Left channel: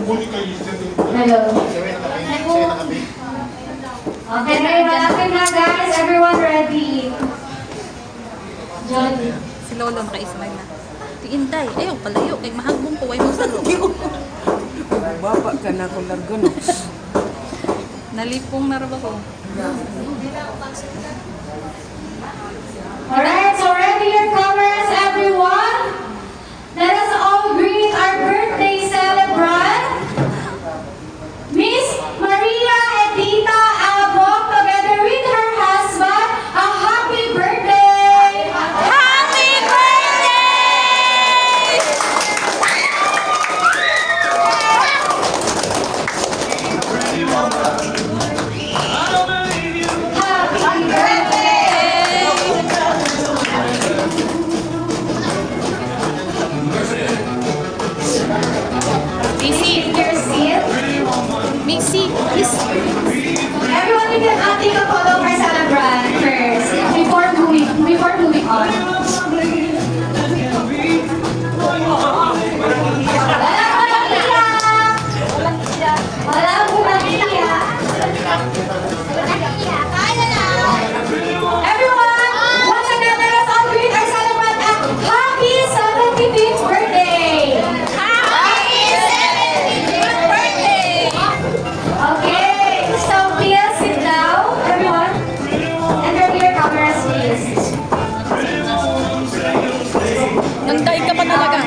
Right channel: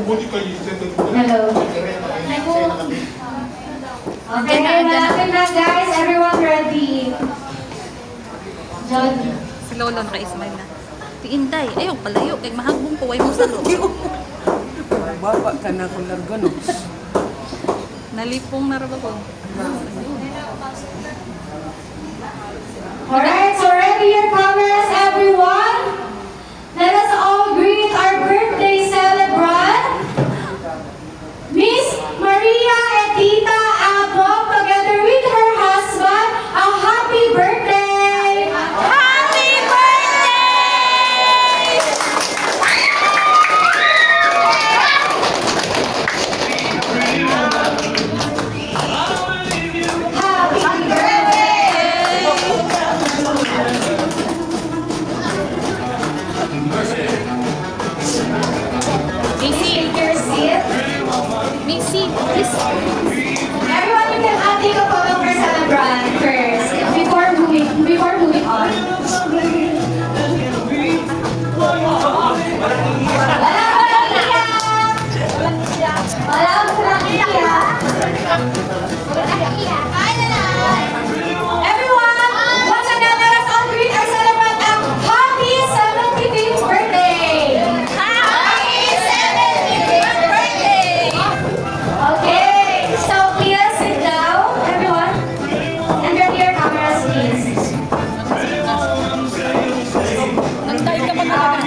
Hello. Okay, malapit na guys. Everyone ready? John. Si Lolo naka-smile na. Si Inday, ayaw palayo. Kay mahagbong ko, way mo sa loob. Baba ka na kung largo, no? Nalipong na rin ako. Alright, so ready your cameras, everyone? Let us all greet our birthday celebrant, Miss Maria Edita Abog, together with her husband. A happy birthday! Happy birthday! Happy birthday! Missy, Take your seat. Missy, please. Everyone, you can take a photo for celebrant first before moving on. Everyone, once again, let us all greet our celebrant a happy 75th birthday. Happy 75th birthday! Okay, so please sit down, everyone. And turn your cameras, please. Nagday ka pa talaga.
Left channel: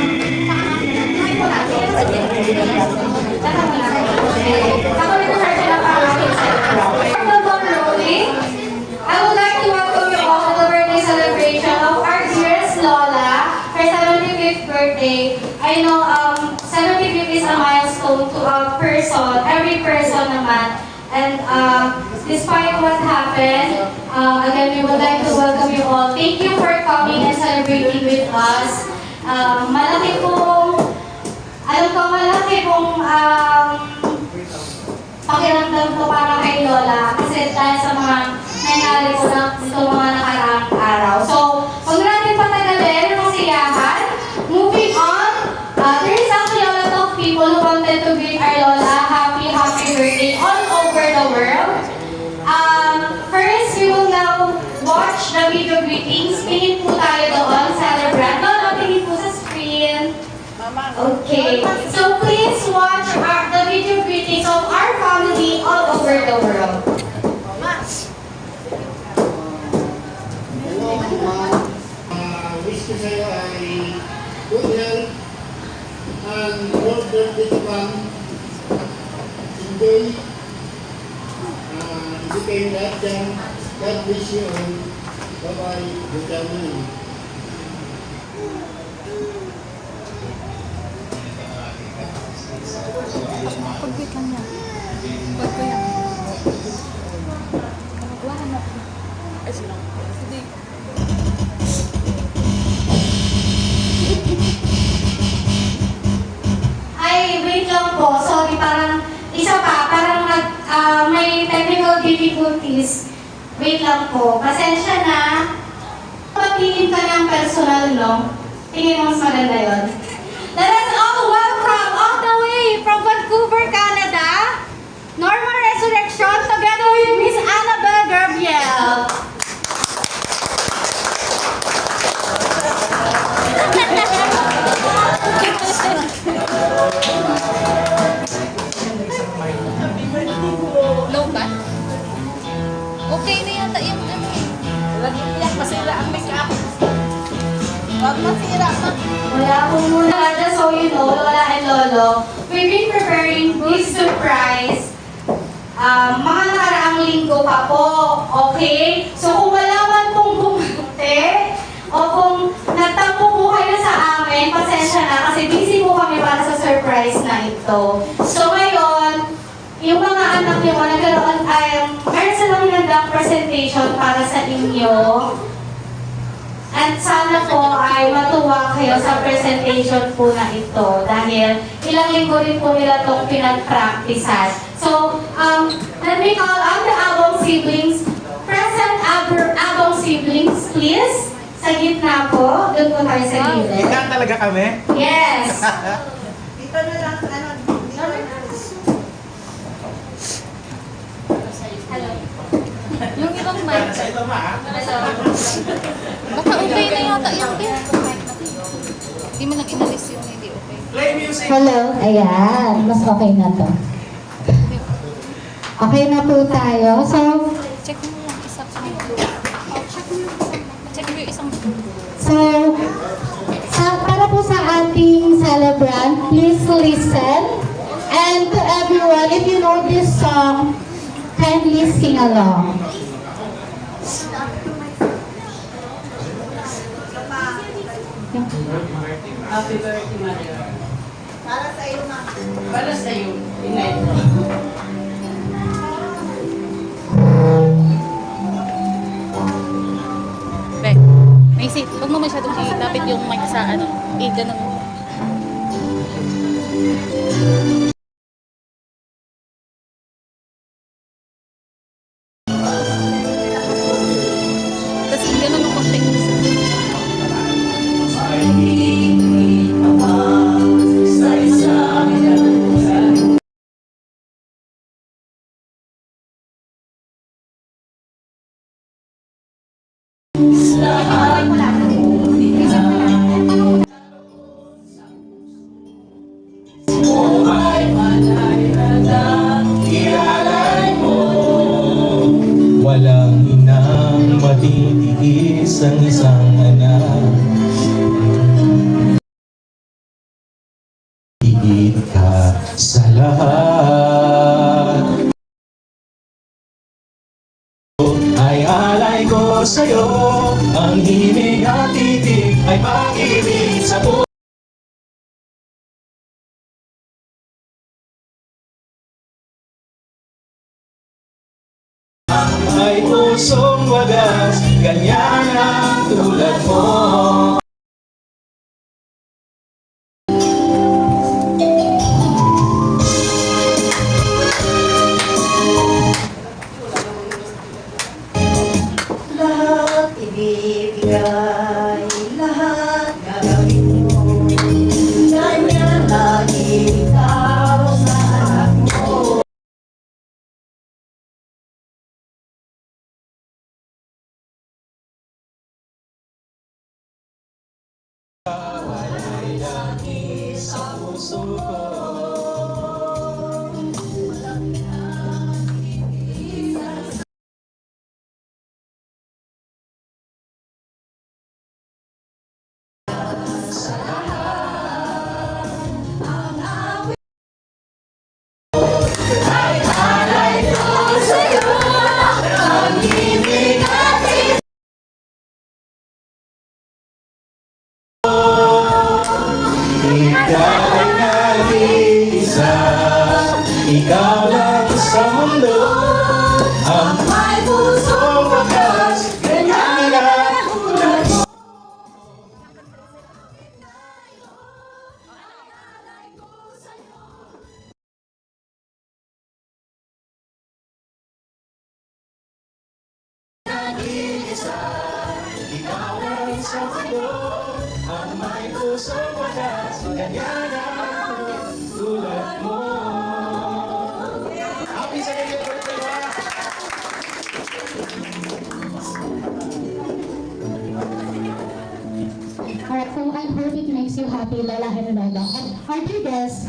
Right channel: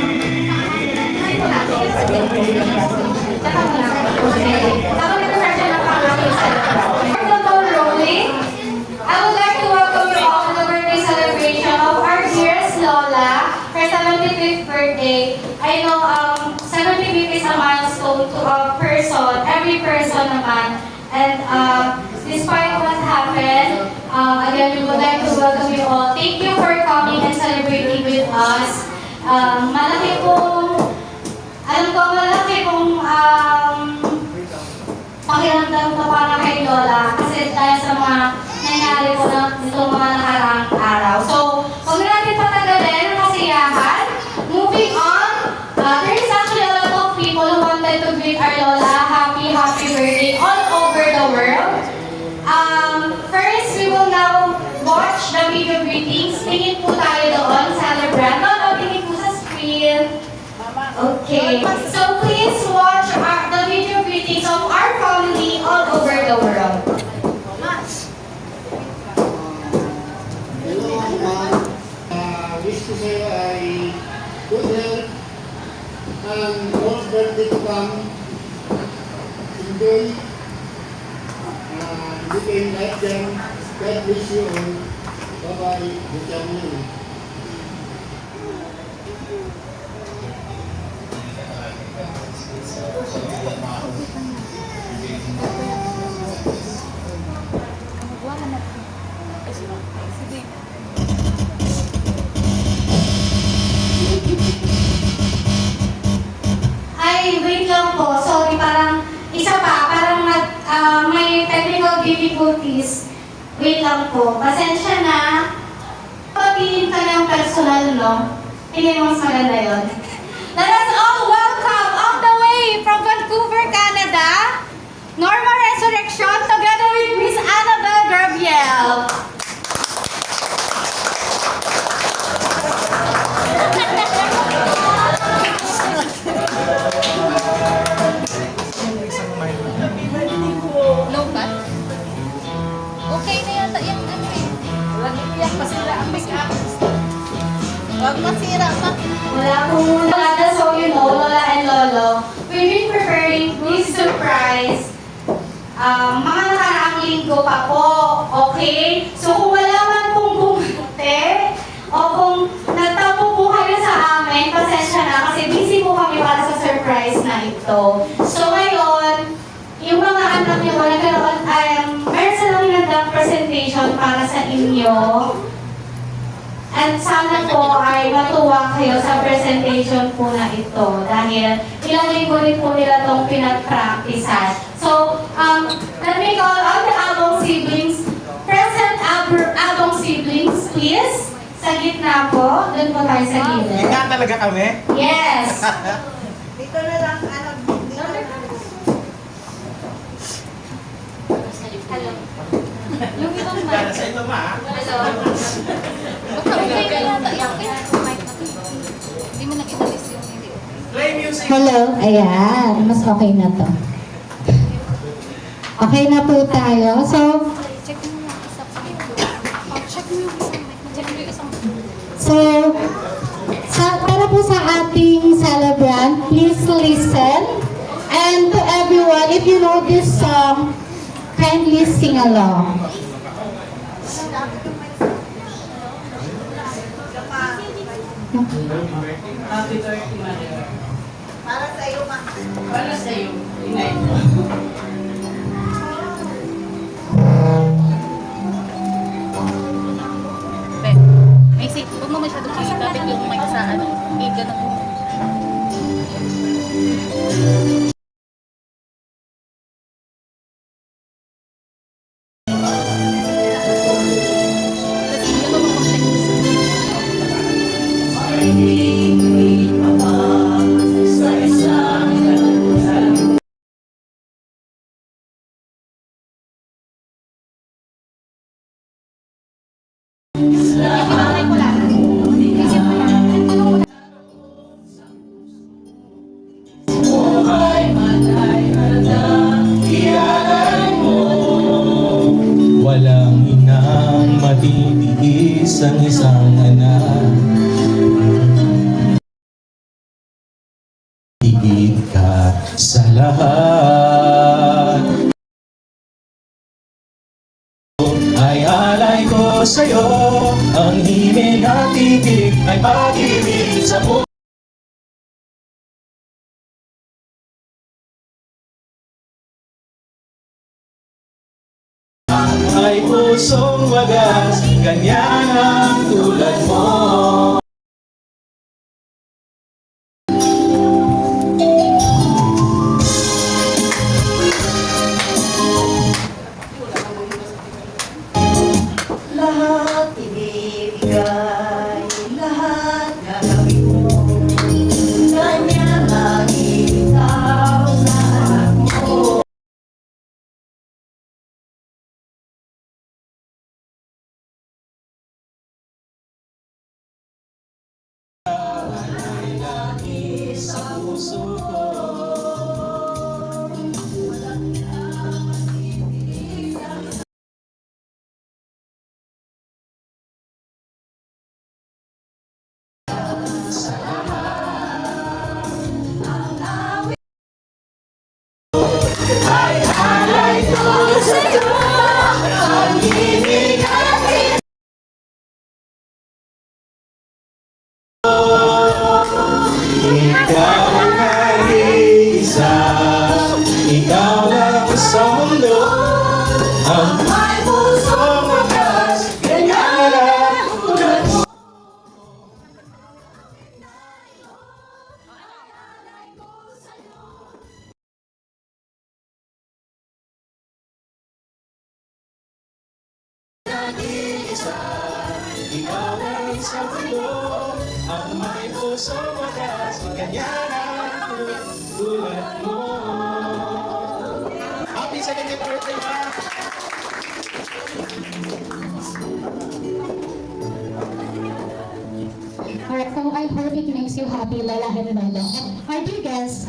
I would like to welcome you all to the birthday celebration of our dearest Lola, her 75th birthday. I know 75th is a milestone to a person, every person naman. And despite what happened, again, we would like to welcome you all. Thank you for coming and celebrating with us. Malaki pong, alam ko malaki pong pakiramdam ko para kay Lola kasi dahil sa mga nangyari po na itong mga nakaraang araw. So, huwag natin patagalin ang kasiyahan. Moving on, there is actually a lot of people who wanted to greet our Lola happy birthday all over the world. First, we will now watch the video greetings. Tingin po tayo doon, celebrant. No, tingin po sa screen. Okay, so please watch the video greetings of our family all over the world. Hello, Mama. Wish ko sa'yo ay good health and more birthday to come. Enjoy. Hindi kayo lahat dyan. God bless you all. Bye-bye. Good afternoon. Ay, wait lang po. Sorry, parang isa pa. Parang may technical difficulties. Wait lang po. Pasensya na. Papihin ka ng personal, no? Tingin mo mas maganda yun. Let us all welcome all the way from Vancouver, Canada, Norma Resurrection, together with Miss Annabelle Gabriel. Low ba? Okay na yata yung ano. Yan, masira ang make-up. Huwag masira pa. Wala po muna nada, so you know, Lola and Lolo, we've been preparing this surprise mga nakaraang linggo pa po, okay? So kung wala man pong bumate, o kung nagtapo po kayo sa amin, pasensya na kasi busy po kami para sa surprise na ito. So ngayon, yung mga anak niyo, nagkaroon meron silang hinandang presentation para sa inyo. At sana po ay matuwa kayo sa presentation po na ito dahil ilang linggo din po nila itong pinag-practicean. So, let me call on the Abong siblings. Present Abong siblings, please. Sa gitna po. Doon po tayo sa gilid. Gitna talaga kami? Yes. Dito na lang, ano, dito na lang. Para sa ito ma. Baka okay na yata yan. Hindi mo nang inalis yun, hindi okay. Play music. Hello, ayan, mas okay na to. Okay na po tayo. So, Check mo yung isang check mo yung isang check mo yung isang so para po sa ating celebrant, please listen. And to everyone, if you know this song, kindly sing along. Happy birthday, mother. Para sa iyo, ma. Para sa iyo. Inay. Bek, may sit. Huwag mo masyadong ilapit yung mic sa ano. Ganun mo. Tapos ganun mo konti. Walang inang matitiis ang isang anak. Higit ka sa lahat. Ay alay ko sa'yo, ang himig at titig ay pag-ibig sa buhay. Ay pusong wagas, ganyan ang tulad mo. Lahat ibibigay, lahat gagawin mo. Ganyan lagi ikaw sa anak mo. Ay lagi sa puso ko. Ikaw ang nag-iisa, ikaw lang sa mundo, ang may pusong wagas, ganyan lang tulad mo. Nag-iisa, ikaw lang sa mundo, ang may pusong wagas, ganyan ang tulad mo. Happy 70th birthday, ma! Alright, so I hope it makes you happy, Lola and Lola. And our dear guests,